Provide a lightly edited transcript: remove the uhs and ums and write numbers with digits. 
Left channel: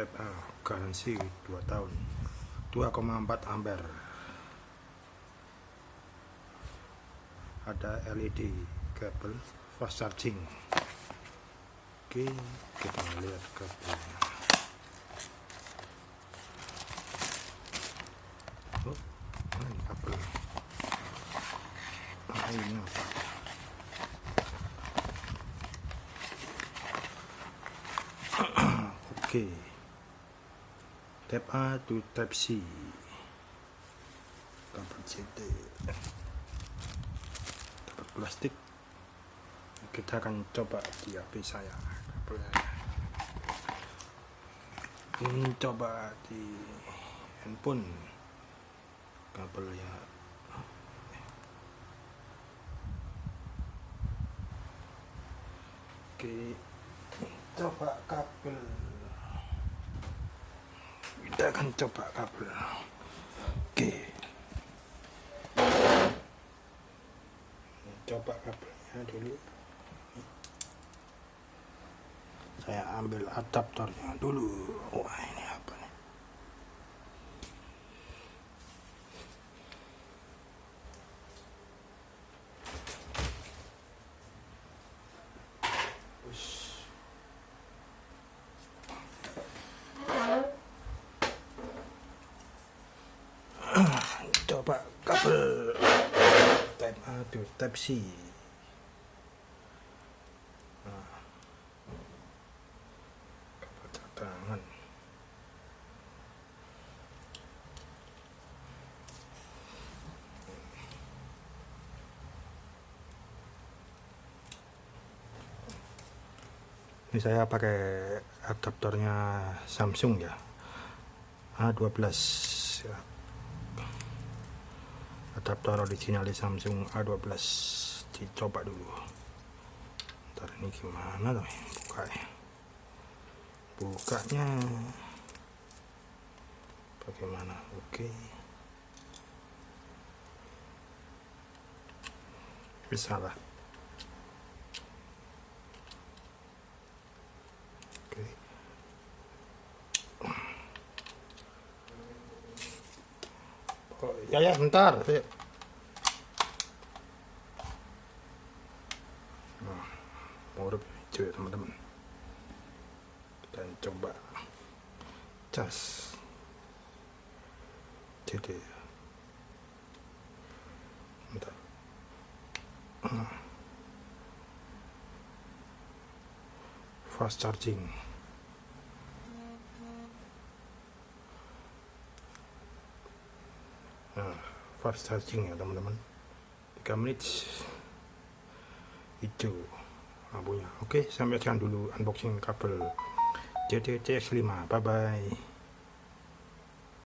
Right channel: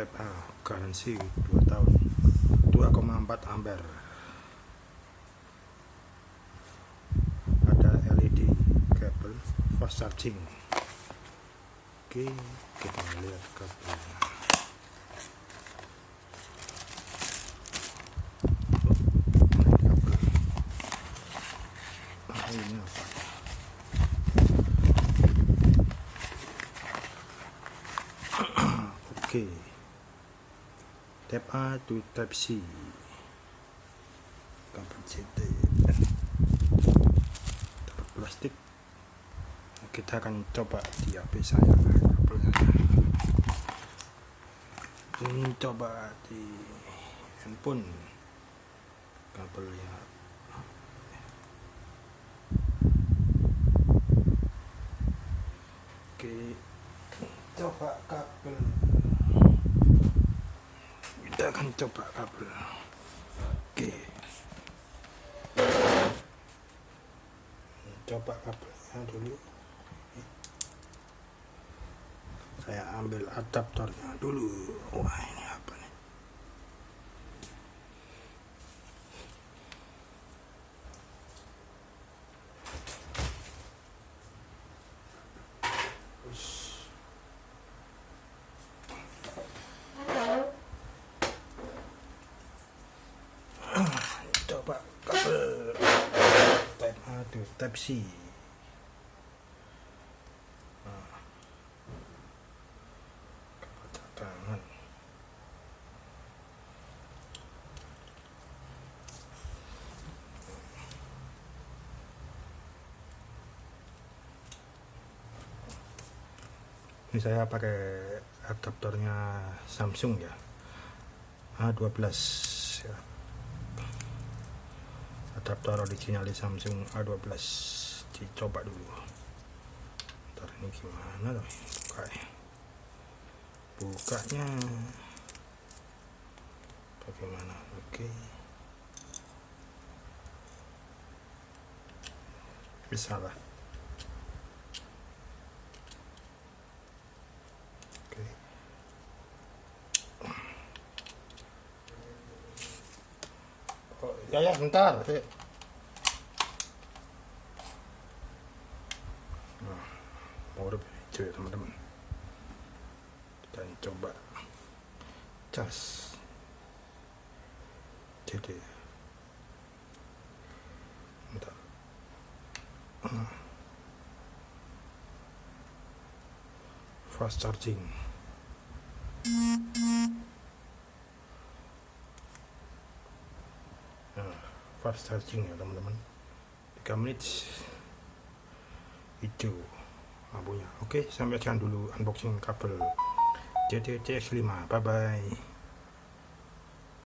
Type A garansi 2 tahun 2,4 ampere. Ada LED kabel fast charging. Oke. Type A to Type C. Plastik. Kita akan coba di HP saya. Ini coba di handphone kabelnya. Oke, coba kabel. Kita akan coba kabel. Oke. Coba kabelnya dulu. Saya ambil adaptornya dulu. Wah, ini apa nih? Coba kabel Type A to Type C. Kabel cadangan. Ini saya pakai adaptornya Samsung ya, A12 ya. Adaptor original di Samsung A12. Dicoba dulu. Ntar ini gimana tuh bukanya bagaimana? Oke, bisa lah. Oke. Oh, ya bentar. Huruf hijau ya teman-teman. Kita coba cas. Jadi bentar. Fast charging. Fast charging ya teman-teman, 3 menit hijau lampunya. Oke, sampai sekian dulu unboxing kabel JTCX5. Bye bye.